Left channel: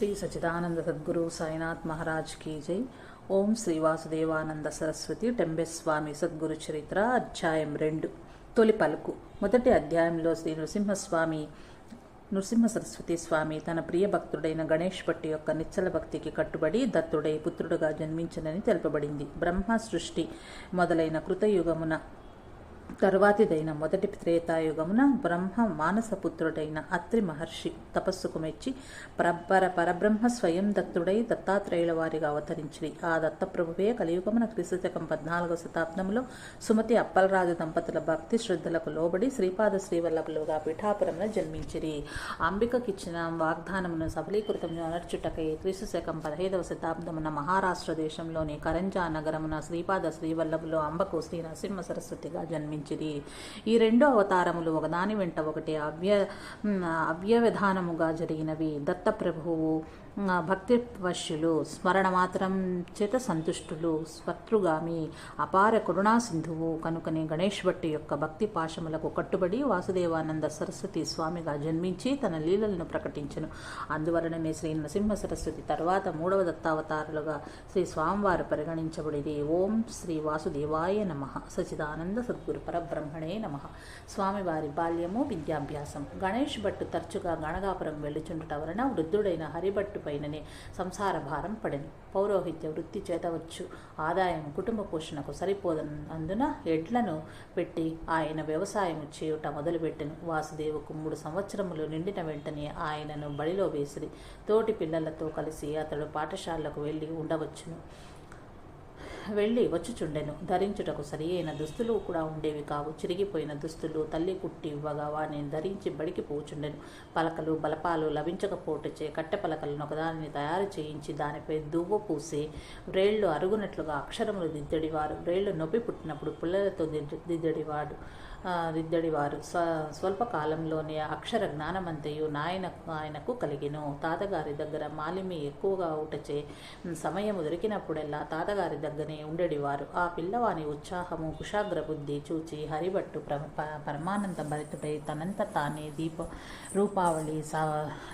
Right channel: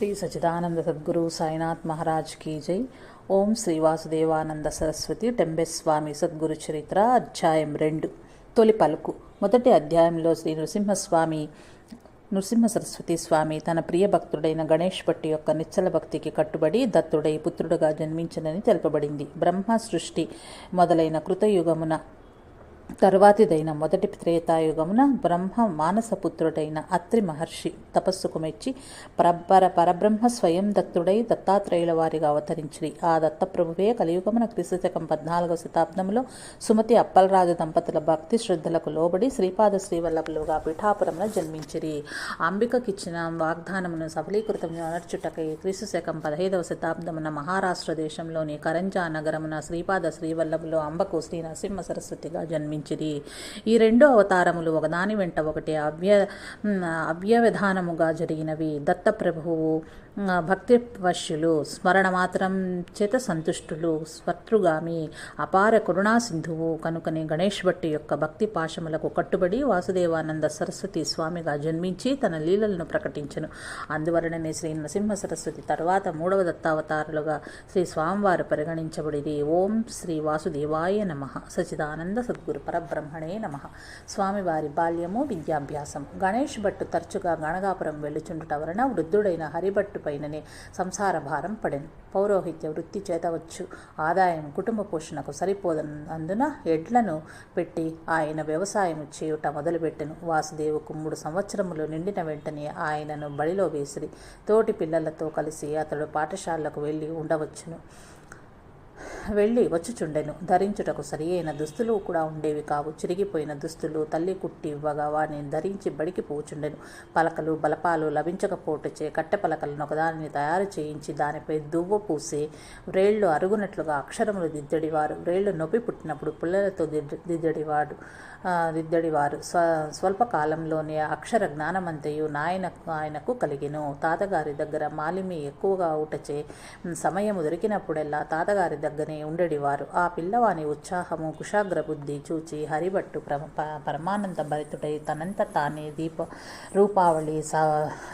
శ్రీ సచిదానంద సద్గురు సాయినాథ్ మహారాజ్ కీ జై. ఓం శ్రీ వాసుదేవానంద సరస్వతి టెంబెస్వామి సద్గురు చరిత్ర అధ్యాయం రెండు. తొలి పలుకు. మొదటి అధ్యాయంలో శ్రీ నృసింహస్వామి నృసింహ సరస్వతి స్వామి తన ప్రియ భక్తుడైన గణేష్ భట్టి యొక్క నిచ్చల భక్తికి కట్టుబడి దత్తుడై పుత్రుడుగా జన్మించనని తెలుపబడింది. బ్రహ్మ సృష్టి మొదలైన కృతయుగమున తరువాతిదైన మొదటి త్రేతాయుగమున బ్రహ్మ మానసపుత్రుడైన అత్రి మహర్షి తపస్సుకు మెచ్చి పరపర పరబ్రహ్మ స్వయం దత్తుడై దత్తాత్రేయుల వారిగా అవతరించిరి. ఆ దత్తప్రభువే కలియుగమున క్రీస్తుశకం పద్నాలుగవ శతాబ్దంలో సుమతి అప్పలరాజు దంపతుల భక్తి శ్రద్ధలకు లోబడి శ్రీపాద శ్రీవల్లభులుగా పిఠాపురంలో జన్మించిరి. అంబికకిచ్చిన వాగ్దానమును సఫలీకృతం అనర్చుటకై క్రీస్తుశకం పదహైదవ శతాబ్దమున మహారాష్ట్ర దేశంలోని కరంజా నగరమున శ్రీపాద శ్రీవల్లభులు అంబకు శ్రీ నరసింహ సరస్వతిగా జన్మించారు. ఈ రెండు అవతారములు ఒకదాని వెంట ఒకటి అవ్య అవ్యవిధానముగా జరిగినవి. దత్తప్రభువు భక్తి వశ్యులు స్మరణ మాత్రం చేత సంతుష్టులు స్వత్రుగామి అపార కరుణా సింధువు కనుకనే గణేష్ భట్టి యొక్క భక్తి పాశములకు కట్టుబడి వాసుదేవానంద సరస్వతి స్వామిగా జన్మించి తన లీలలను ప్రకటించను. అందువలననే శ్రీ నరసింహ సరస్వతి తర్వాత మూడవ దత్తావతారులుగా శ్రీ స్వామివారు పరిగణించబడిది ఓం శ్రీ వాసుదేవాయ నమ. సచిదానంద సద్గురు పరబ్రహ్మణే నమ. స్వామివారి బాల్యము విద్యాభ్యాసం గణేష్ భట్టు తరచుగా గణగాపురం వెళ్ళుచుండుట వలన వృద్ధుడైన హరిభట్టు పైననే సంసార భారం పడెను. పౌరోహిత్య వృత్తి చేతవచ్చు ఆదాయం కుటుంబ పోషణకు సరిపోదన్నందున ఎడ్లను పెట్టి ఆయన వ్యవసాయం చేయుట మొదలుపెట్టెను. వాసుదేవుకు మూడు సంవత్సరములు నిండిన వెంటనే ఆయనను బడిలో వేసిరి. తోటి పిల్లలతో కలిసి అతడు పాఠశాలకు వెళ్ళి ఉండవచ్చును. వెళ్ళి వచ్చుచుండెను. ధరించుటకు సరి అయిన దుస్తులు కూడా ఉండేవి కావు. చిరిగిపోయిన దుస్తులు తల్లి కుట్టి ఇవ్వగా వాటిని ధరించి బడికి పోచుండెను. పలకలు బలపాలు లభించకపోటచే కట్టె పలకలను ఒకదానిని తయారు చేయించి దానిపై దువ్వ పూసి వ్రేళ్ళు అరుగునట్లుగా అక్షరములు దిద్దడివారు. వ్రేళ్ళు నొప్పి పుట్టినప్పుడు పుల్లలతో దిద్ద దిద్దడివాడు. దిద్దడివారు స్వ స్వల్పకాలంలోనే అక్షర జ్ఞానమంతయు నాయన ఆయనకు కలిగెను. తాతగారి దగ్గర మాలిమి ఎక్కువగా ఊటచే సమయము దొరికినప్పుడల్లా తాతగారి దగ్గరే ఉండేవారు ఆ పిల్లవాని ఉత్సాహము కుషాగ్ర బుద్ధి చూచి హరిభట్టు ప్ర పరమానంద భరితుడై తనంత తానే దీప రూపావళి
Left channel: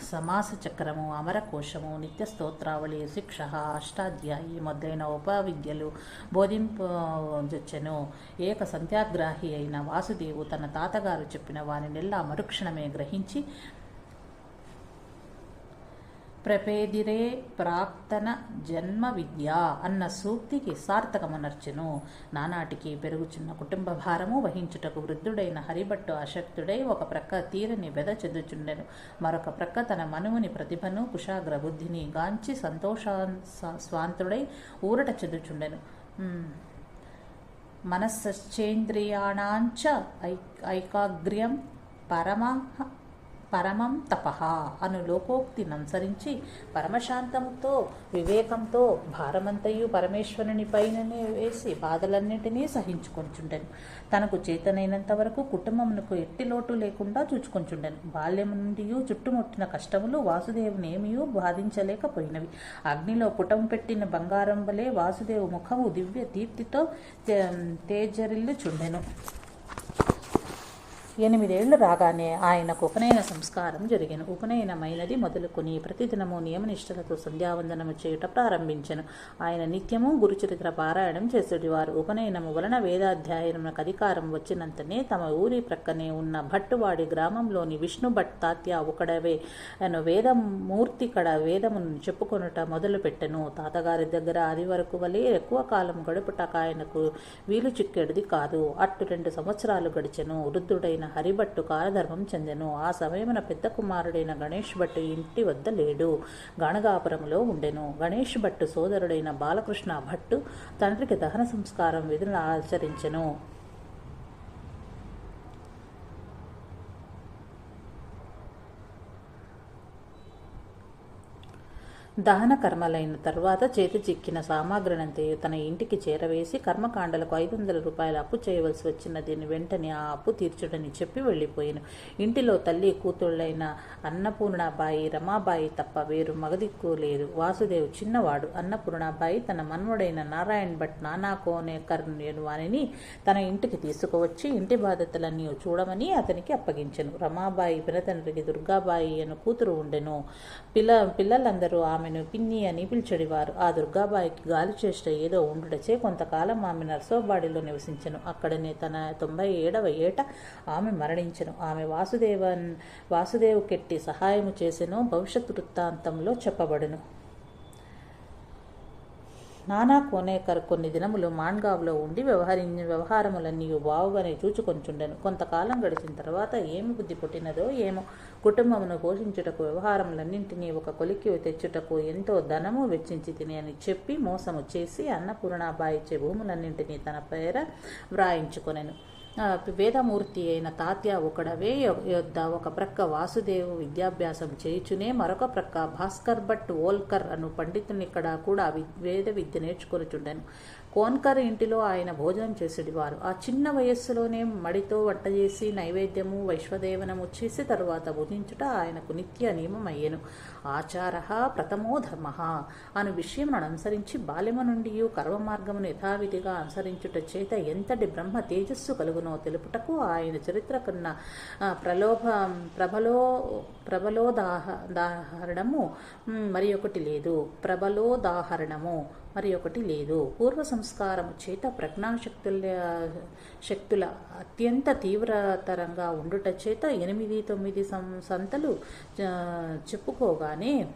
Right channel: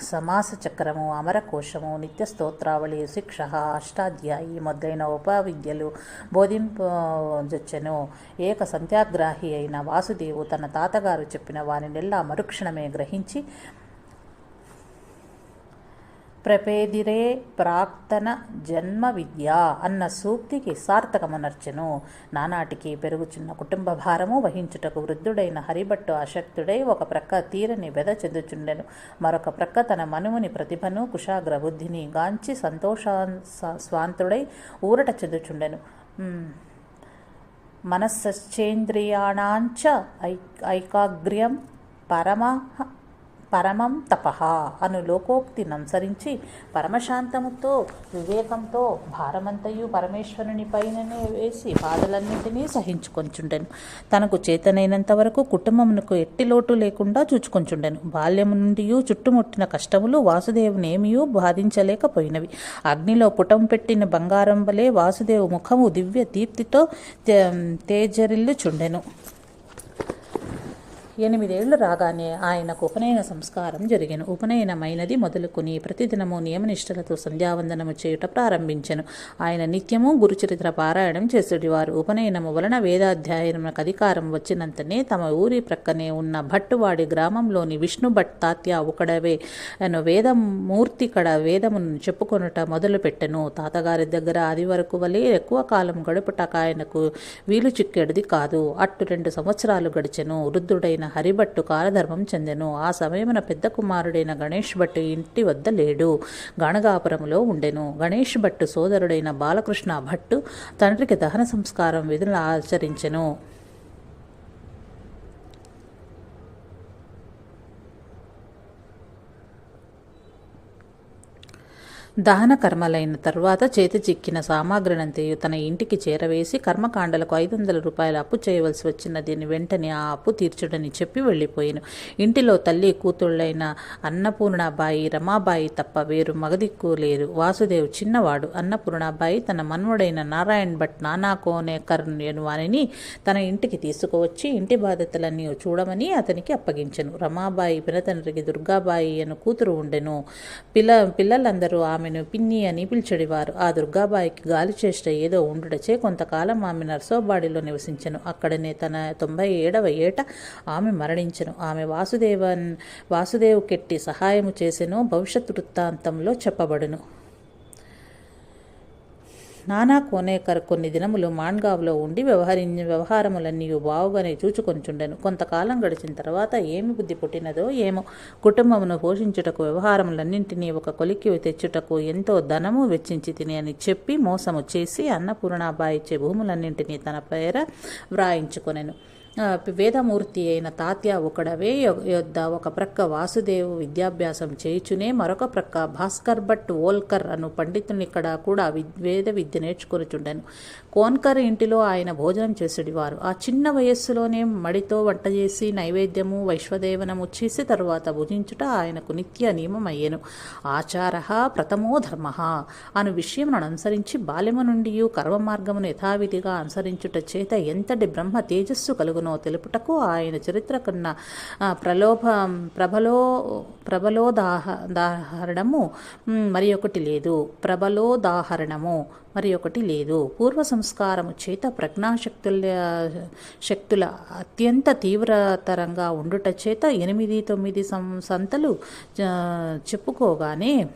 సమాస చక్రము అమరకోశము నిత్య స్తోత్రావళి శిక్ష అష్టాధ్యాయి మొదలైన ఉపవిద్యలు బోధింపజొచ్చెను ఏక సంత్యాగ్రాహి అయిన వాసు వాసుదేవు తన తాతగారు చెప్పిన వారినెల్లా మరుక్షణమే గ్రహించి ప్రపేదిరే ప్రాక్తన జన్మ విద్య అన్న సూక్తికి సార్థకమునర్చెను. నానాటికి పెరుగుచున్న కుటుంబ భారము వహించుటకు వృద్ధుడైన హరిభట్టు అశక్తుడై ఒక ప్రక్క తీరని వెద చెందుచుండెను. మరొక ప్రక్క తన మనువుని ప్రతిభను కుశాగ్ర బుద్ధిని గాంచి సంతోషా స్వాంతుడై ఊరట చెందుచుండెను. మనస్సేంద్రియాణాంచ ఐ ఐకాగ్ర్యం పరమ పరమం తపహ అను లోకోక్తిని అనుసరించి పరమశాంతముతో వివేకంతో భారమంతయు పరమేశ్వరుని పైననే వేసి బాధలన్నింటినీ సహించుకొంచుండెను. తనకు చేతనైనంత వరకు కుటుంబమునకు ఎట్టి లోటు లేకుండా చూచుకొంచుండెను. బాల్యము నుండి చుట్టుముట్టిన కష్టములు వాసుదేవునేమియూ బాధించలేకపోయినవి. అగ్నిలో పుటం పెట్టిన బంగారం వలె వాసుదేవు ముఖము దివ్య దీప్తితో తేజరిల్లుచుండెను. ఎనిమిదేళ్ళు రాగానే ఆయనకు ఉపనయన సంస్కారం జరిగిన. ఉపనయనమైనది మొదలుకొని ప్రతిదినము నియమనిష్టలతో సంధ్యావందనము చేయుట ప్రారంభించెను. ఆయన నిత్యము గురుచరిత్ర పారాయణం చేసేటివారు ఉపనయనము వలన వేదాధ్యాయనకు అధికారం వచ్చినంతనే తమ ఊరి ప్రక్కనే ఉన్న భట్టువాడి గ్రామంలోని విష్ణు భట్ తాత్య ఒకడవే అను వేదమూర్తి కడ వేదమును చెప్పుకొనుట మొదలుపెట్టెను. తాతగారి దగ్గర అది వరకు వలె ఎక్కువ కాలం గడుపుటక ఆయనకు వీలు చిక్కేడిది కాదు. అట్టు రెండు సంవత్సరాలు గడిచెను. వృద్ధుడైన హరిభట్టు కాలధర్మం చెందెను. ఆ సమయమున పెద్ద కుమారుడైన గణేష్ భట్టు ఇంటి వద్ద లేడు. గణగాపురంలో ఉండెను. గణేష్ భట్టు సోదరుడైన బాలకృష్ణ భట్టు తండ్రికి దహన సంస్కారం విధులు ఆచరించెను. దహన కర్మలైన తరువాత చేతి చిక్కిన సామాగ్రినంతయు తన ఇంటికి చేరవేసి కర్మకాండలకు ఐదు వందల రూపాయలు అప్పు చేయవలసి వచ్చిన దీన్ని వెంటనే ఆ అప్పు తీర్చుడని చెప్పి వెళ్ళిపోయాను. ఇంటిలో తల్లి కూతుళ్ళైన అన్నపూర్ణాబాయి రమాబాయి తప్ప వేరు మగదిక్కు లేరు వాసుదేవ్ చిన్నవాడు. అన్నపూర్ణాబాయి తన మన్వడైన నారాయణ్ భట్ నానా కోనేకర్ వారిని తన ఇంటికి తీసుకువచ్చి ఇంటి బాధ్యతలన్నీ చూడమని అతనికి అప్పగించెను. రమాబాయి పినతండ్రికి దుర్గాబాయి అను కూతురు ఉండెను. పిల్ల పిల్లలందరూ ఆమె ఆమెను పిన్ని అని పిలిచెడివారు. ఆ దుర్గాబాయికి గాలి చేష్ట ఏదో ఉండుటచే కొంతకాలం ఆమె నర్సోబాడిలో నివసించెను. అక్కడనే తన తొంభై ఏడవ ఏట ఆమె మరణించెను. ఆమె వాసుదేవన్ వాసుదేవు కెట్టి సహాయము చేసెను భవిష్యత్ వృత్తాంతంలో చెప్పబడును. నానా కోనేకర్ కొన్ని దినములు మాన్గావ్లో ఉండి వ్యవహరి వ్యవహారములన్నీ బావుగానే చూచుకొంచుండెను కొంతకాలం గడిచిన తర్వాత ఏమి బుద్ధి పుట్టినదో ఏమో. కుటుంబమును పోషించుటకు వ్యవహారములన్నింటినీ ఒక కొలిక్కి తెచ్చుటకు ఎంతో ధనము వెచ్చించి తిని అని చెప్పి మోసము చేసి అన్నపూర్ణాబాయి ఇచ్చే భూములన్నింటినీ తన పేర వ్రాయించుకొనెను. వేదమూర్తి అయిన తాత్య ఒకడవే యొద్ద ఒక ప్రక్క వాసుదేవు విద్యాభ్యాసం చేయుచునే మరొక ప్రక్క భాస్కర్ భట్ ఓల్కర్ అను పండితునిక్కడ కూడా వేద విద్య నేర్చుకొనిచుండెను. కోన్కర్ ఇంటిలో ఆయన భోజనం చేసేవారు ఆ చిన్న వయస్సులోనే మడితో వంట చేసి నైవేద్యము వైశ్వదేవనము చేసి తరువాత భుజించుట ఆయనకు నిత్య నియమమయ్యెను. ఆచార ప్రథమో ధర్మ అను విషయమును అనుసరించి బాల్యము నుండి కర్మ మార్గమును యథావిధిగా అనుసరించుట చేత ఎంతటి బ్రహ్మ తేజస్సు కలుగును? తెలుపుటకు ఆయన చరిత్ర కన్నా ప్రలోభ ప్రబలో ప్రబలోదాహ దాహరణము మరి ఒకటి లేదు. ప్రబలోదాహరణము. మరి ఒకటి లేదు. పూర్వ సంస్కారము చేత ప్రజ్ఞాశక్తుల శక్తుల అత్యంత తీవ్రతరంగా ఉండుట చేత ఎనిమిది తొమ్మిది సం సంతలు చెప్పుకోగానే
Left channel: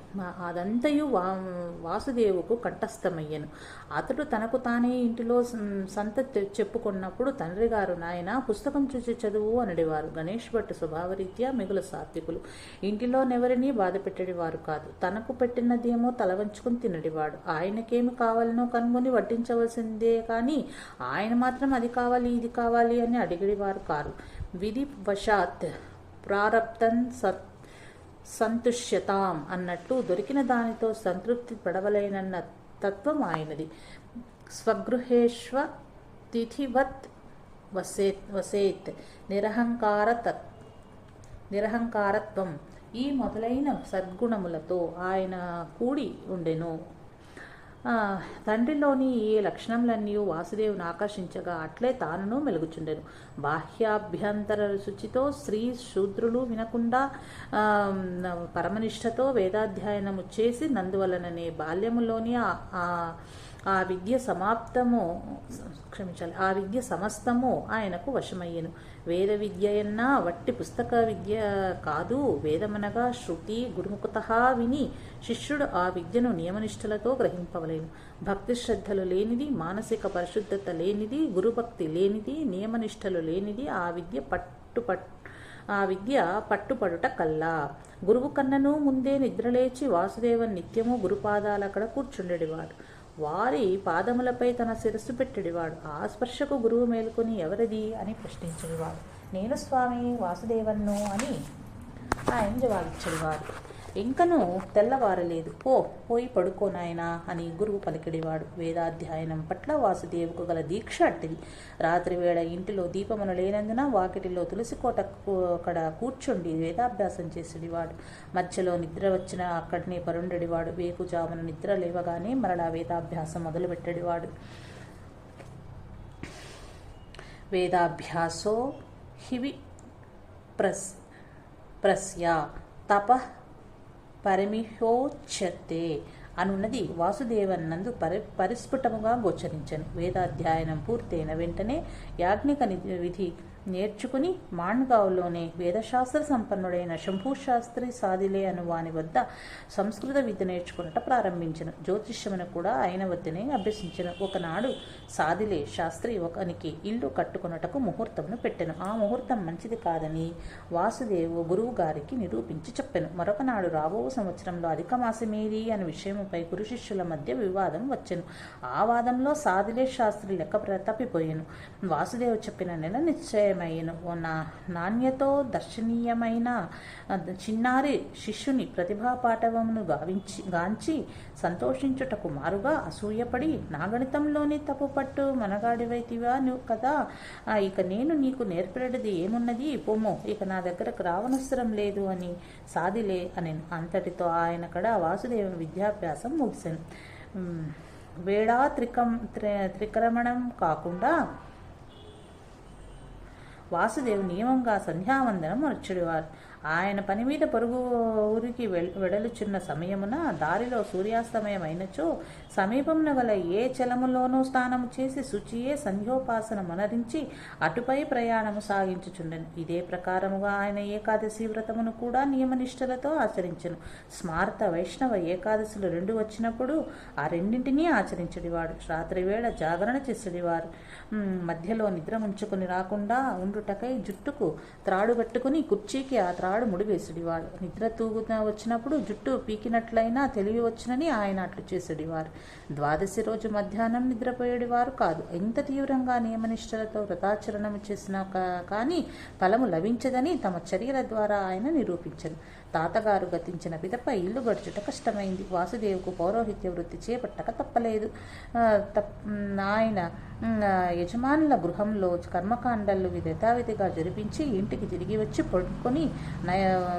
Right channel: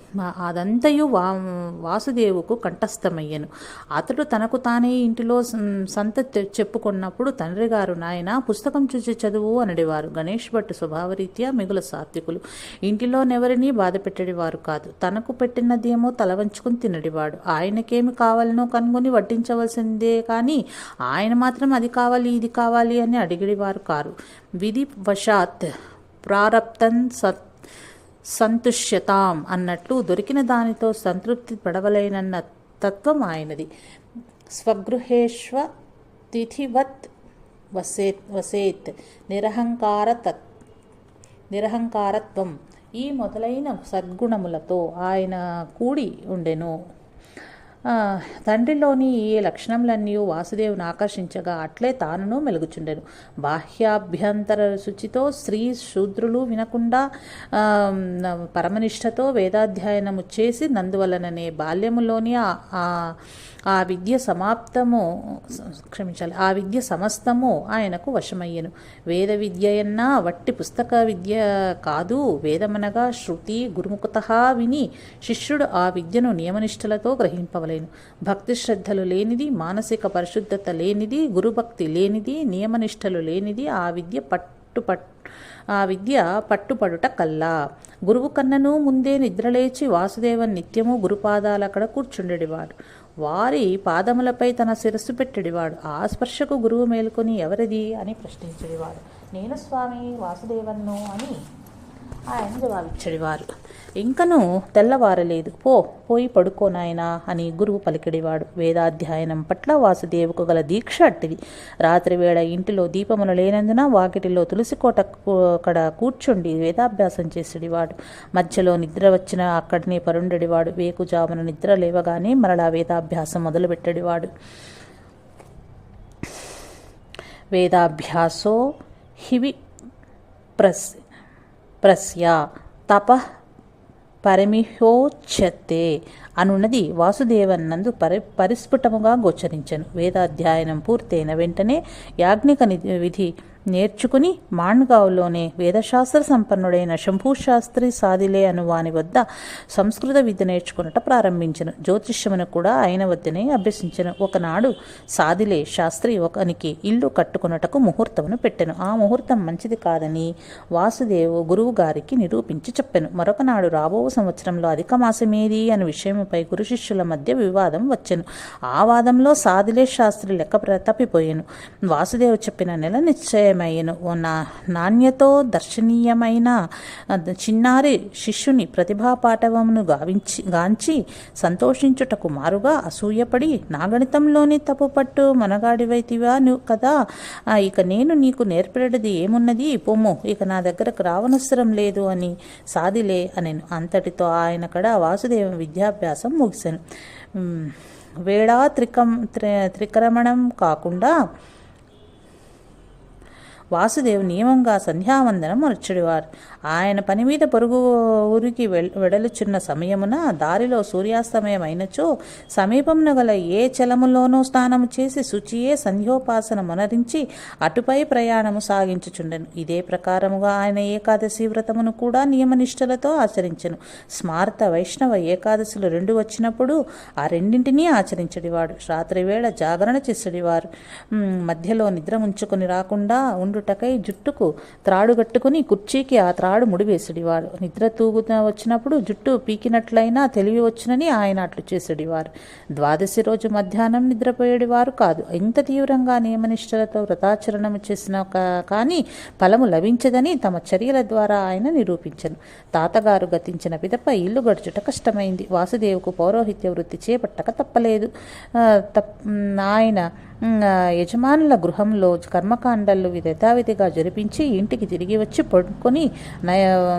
అదంతయు వా వాసుదేవుకు కంఠస్థమయ్యను. అతడు తనకు తానే ఇంటిలో సంత తె- చెప్పుకున్నప్పుడు తండ్రి గారు నాయన పుస్తకం చూసి చదువు అనడివారు. గణేష్ భట్ స్వభావరీత్యా మిగుల సాత్వికులు. ఇంటిలోనెవరినీ బాధ పెట్టేవారు కాదు. తనకు పెట్టినదేమో తల వంచుకుని తినడివాడు. ఆయనకేమి కావాలనో కనుగొని వడ్డించవలసిందే. కానీ ఆయన మాత్రం అది కావాలి ఇది కావాలి అని అడిగేవారు కారు. విధి వశాత్ ప్రారబ్ధం సత్ సంతుష్యతాం అన్నట్లు దొరికిన దానితో సంతృప్తి పడవలేనన్న తత్వం ఆయనది. స్వగృహేష్వ తిథివత్ వసేత్ వసేత్ నిరహంకార తత్ నిరహంకారత్వం ఈ మొదలైన సద్గుణములతో ఆయన కూడి ఉండెను. తండ్రిలోని ఈ లక్షణములన్నీ వాసుదేవుని ఆకర్షించగా అట్లే తానును మెలుగుచుండెను. బాహ్యాభ్యంతర శుచితో స్త్రీ శూద్రులు వినకుండా పరమనిష్టతో వేదాధ్యయనము చేసి నందువలననే బాల్యములోని ఆ- ఆ విద్య సమాప్తము క్షమించాలి ఆ విద్య సమస్తము ఆయనకు వశమయ్యను. వేద విద్యయన్నా వట్టి పుస్తక విద్య కాదు. వేదమనగా శృతి గురుముఖత విని శిష్యుడు ఆ విద్యను నియమనిష్టలతో గ్రహింపవలేను. భక్తి శ్రద్ధలు లేనిది మానసిక పరిశుద్ధత లేనిది గురుభక్తి లేనిది నియమనిష్టలు లేనిది ఆ విద్య పట్టుపట్ ఆ విద్య పట్టుపడుట కల్లా. గురువు కన్నను ముందే నిద్రలేచి వాసుదేవన్ నిత్యము గురుపాదాలక్కడ కూర్చుండేవాడు వారి పాదములపై తన శిరస్సు పెట్టెడివాడు. ఆ స్పర్శకు గురువు మేలుకొని ఎవరిది అని ప్రశ్నించేవాడు. నేను స్వామి వాసుదేవన్ను అని ఆయన జవాబిచ్చేవారు. ఇంకనూ తెల్లవారలేదు. పో పోయి పడుకోనాయనా అని గురువు పలికిడివాడు. వేదాధ్యయనం పట్ల వాసుదేవుకు గల దీక్ష అట్టిది. రాత్రివేళ ఇంటిలో దీపములు లేనందున వాకిటిలో తులసికోట అక్కడ కూర్చుండి వేదాభ్యాసం చేసేడివాడు. మధ్యలో నిద్ర వచ్చిన అక్కడనే పరుండెడివాడు. వేకుజామున నిద్ర లేవగానే మరలా వేదాభ్యాసం మొదలుపెట్టడివాడు. వేదాభ్యాసో హివి ప్రస్ ప్రస్య తప பரமிஹோச்சத்தே. అనున్నది వాసుదేవన్నందు పరి పరిస్ఫుటముగా గోచరించను. వేదాధ్యయనం పూర్తయిన వెంటనే యాజ్ఞిక విధి నేర్చుకుని మాణ్గావ్లోనే వేదశాస్త్ర సంపన్నుడైన శంభూశాస్త్రి సాదిలే అను వాని వద్ద సంస్కృత విద్య నేర్చుకున్నట ప్రారంభించను. జ్యోతిష్యమును కూడా ఆయన వద్దనే అభ్యసించను. ఒకనాడు సాదిలే శాస్త్రి ఒకనికి ఇల్లు కట్టుకున్నటకు ముహూర్తమును పెట్టెను. ఆ ముహూర్తం మంచిది కాదని వాసుదేవు గురువు గారికి నిరూపించి చెప్పెను. మరొకనాడు రాబో సంవత్సరంలో అధిక మాసమేది అనే విషయముపై గురు శిష్యుల మధ్య వివాదం వచ్చెను. ఆ వాదంలో సాదిలే శాస్త్రి లెక్క ప్ర- తప్పిపోయాను వాసుదేవు చెప్పిన నెల నిశ్చయమయ్యను. ఓ నా నాణ్యతో దర్శనీయమైన చిన్నారి శిష్యుని ప్రతిభా పాఠవమును గావించి గాంచి సంతోషించుటకు మారుగా అసూయపడి నా గణితంలోని తప్పుపట్టు మనగాడివైతివా నువ్వు కదా ఇక నేను నీకు నేర్పడది ఏమున్నది? పొమ్ము ఇక నా దగ్గరకు రావనవసరం లేదు అని సాదిలే అని అంతటితో ఆయన కూడా వాసుదేవ విద్యాభ్యాసం ముగిశాను వేడా త్రికం త్రిక్రమణం కాకుండా వాసుదేవ్ నియమంగా సంధ్యావందనం మరచుడివారు ఆయన పని మీద పొరుగు ఊరికి వెడలుచున్న సమయమున దారిలో సూర్యాస్తమయం అయినచో సమీపంలో గల ఏ చలములోనూ స్నానము చేసి శుచియే సంధ్యోపాసన మొనరించి అటుపై ప్రయాణము సాగించుచుండెను. ఇదే ప్రకారముగా ఆయన ఏకాదశి వ్రతమును కూడా నియమనిష్టలతో ఆచరించను. స్మార్త వైష్ణవ ఏకాదశులు రెండు వచ్చినప్పుడు ఆ రెండింటినీ ఆచరించడివాడు. రాత్రి వేళ జాగరణ చేసడివారు. మధ్యలో నిద్ర ఉంచుకొని రాకుండా ఉండుటకై జుట్టుకు త్రాడుగట్టుకుని కుర్చీకి ఆ త్రా తాడు ముడివేసుడివారు నిద్ర తూగుతా వచ్చినప్పుడు జుట్టు పీకినట్లయినా తెలివి వచ్చునని ఆయన అట్లు చేసేడివారు ద్వాదశి రోజు మధ్యాహ్నం నిద్రపోయేడివారు కాదు. ఇంత తీవ్రంగా నియమనిష్టలతో వ్రతాచరణం చేసిన కానీ ఫలము లభించదని తమ చర్యల ద్వారా ఆయన నిరూపించను. తాతగారు గతించిన పిదప ఇల్లు గడుచుట కష్టమైంది. వాసుదేవుకు పౌరోహిత్య వృత్తి చేపట్టక తప్పలేదు. తప్ ఆయన యజమానుల గృహంలో కర్మకాండలు యథావిధిగా జరిపించి ఇంటికి తిరిగి వచ్చి పడుకొని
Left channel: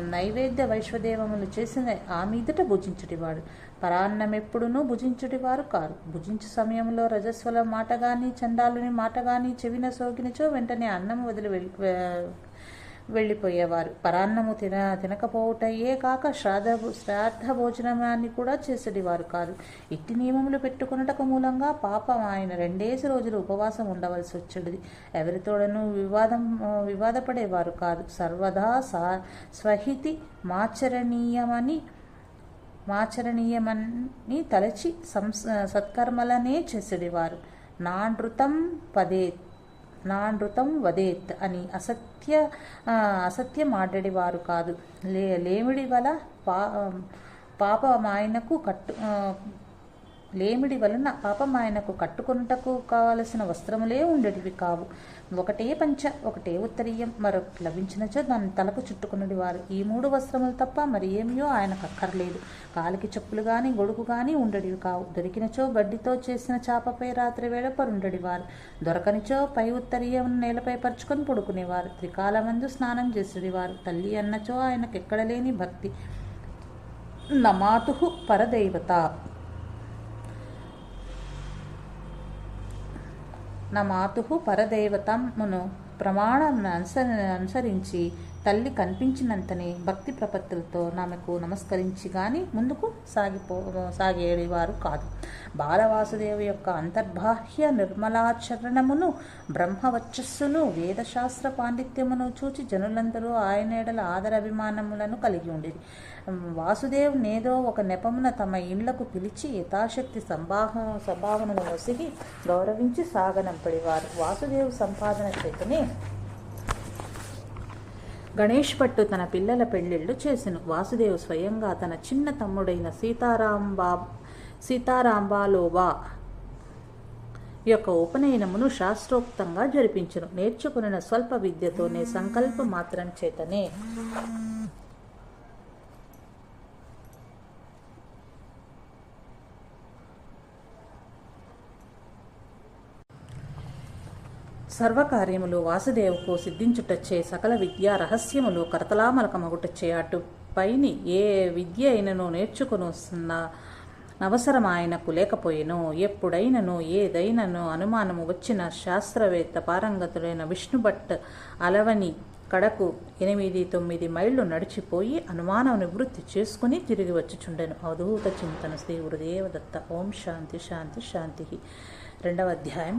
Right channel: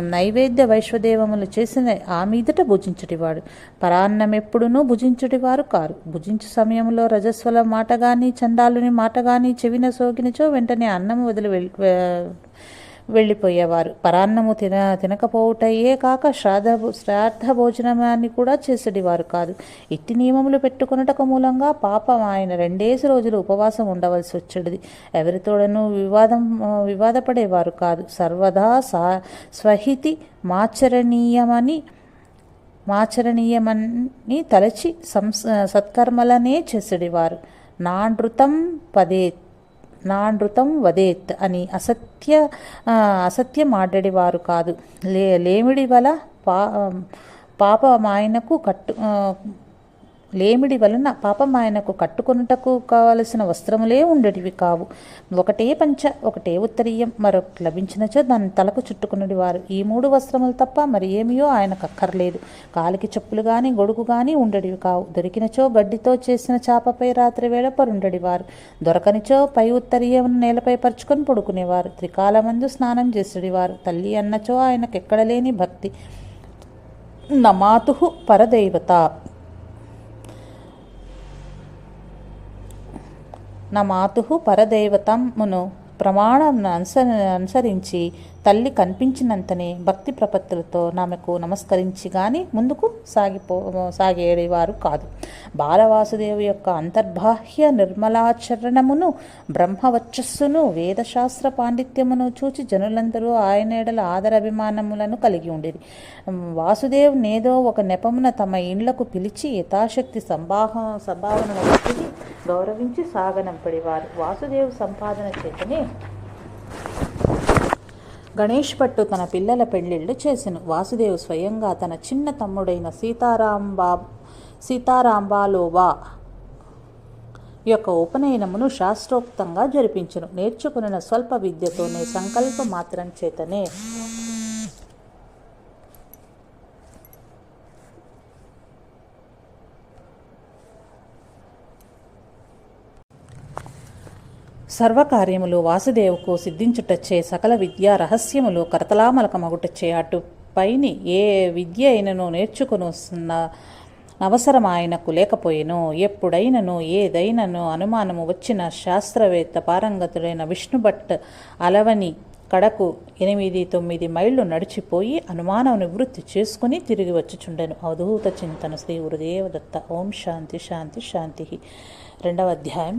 నైవేద్య వైశ్వదేవములు చేసిన ఆ మీదట భుజించుటివాడు. పరాన్నమెప్పుడునూ భుజించుటివారు కారు. భుజించు సమయంలో రజస్వల మాట కానీ చండాలుని మాట కానీ చెవిన సోకినచో వెంటనే అన్నం వదిలి వెళ్ళిపోయేవారు. పరాన్నము తిన తినకపోవుటయే కాక శ్రాద్ధ శ్రాద్ధ భోజనమాన్ని కూడా చేసేటివారు కాదు. ఇట్టి నియమములు పెట్టుకున్నటకు మూలంగా పాపం ఆయన రెండేసి రోజులు ఉపవాసం ఉండవలసి వచ్చేది ఎవరితోడను వివాదం వివాదపడేవారు కాదు. సర్వదా సా స్వహితి మాచరణీయమని మాచరణీయమని తలచి సంస్ సత్కర్మలనే చేసేడివారు నానృతం పదే నానృతం వదేత్ అని అసత్య అసత్యం ఆడేవారు కాదు. లే లేమిడి వల పా పాపమాయనకు కట్టు లేమిడి వలన పాపం ఆయనకు కట్టుకొనుటకు కావలసిన వస్త్రములే ఉండేటివి కావు. ఒకటే పంచ ఒకటే ఉత్తరీయం మరొకటి లభించినచో దాన్ని తలకు చుట్టుకున్నది వారు. ఈ మూడు వస్త్రములు తప్ప మరి ఏమియో ఆయనకు అక్కర్లేదు. కాలికి చెప్పులు కానీ గొడుగు కానీ ఉండేటివి కావు. దొరికినచో గడ్డితో చేసిన చాపపై రాత్రి వేళ పరుండడివారు దొరకనిచో పై ఉత్తరీయం నేలపై పరుచుకొని పడుకునేవారు. త్రికాలమందు స్నానం చేసేవారు తల్లి అన్నచో ఆయనకెక్కడ లేని భక్తి. నమాతు పరదైవత. నా మాతు పరదైవతమును ప్రమాణం అనుసరించి తల్లి కనిపించినంతనే భక్తి ప్రపత్తులతో ఆమెకు నమస్కరించి కానీ ముందుకు సాగిపో సాగేవారు కాదు. బాలవాసుదేవు యొక్క అంతర్బాహ్య నిర్మలాచరణమును బ్రహ్మవచ్చస్సును వేదశాస్త్ర పాండిత్యమును చూచి జనులందరూ ఆయన ఎడల ఆదరాభిమానములను కలిగి ఉండేది వాసుదేవ్ నేదో ఒక నెపమున తమ ఇండ్లకు పిలిచి యథాశక్తి సంభాహ సంభావనల వ్యక్తిని గౌరవించి సాగనంపడేవారు. వాసుదేవ్ సంపాదన చేతనే గణేష్ భట్టు తన పిల్లల పెళ్ళిళ్ళు చేసెను. వాసుదేవ్ స్వయంగా తన చిన్న తమ్ముడైన సీతారాంబా సీతారాంబాలోబా యొక్క ఉపనయనమును శాస్త్రోక్తంగా జరిపించను. నేర్చుకున్న స్వల్ప విద్యతోనే సంకల్ప మాత్రం చేతనే సర్వకార్యములు వాసుదేవుకు సిద్ధించుటచ్చే సకల విద్యా రహస్యములు కరతలామలకమగుటచ్చే అటు. పైని ఏ విద్య అయినను నేర్చుకుని అవసరం ఆయనకు లేకపోయేను. ఎప్పుడైనను ఏదైనను అనుమానము వచ్చిన శాస్త్రవేత్త పారంగతుడైన విష్ణుభట్ అలవని కడకు ఎనిమిది తొమ్మిది మైళ్ళు నడిచిపోయి అనుమానం నివృత్తి చేసుకుని తిరిగి వచ్చిచుండెను. అవధూత చింతన శ్రీ గురుదేవదత్త. ఓం శాంతి శాంతి శాంతి. రెండవ అధ్యాయం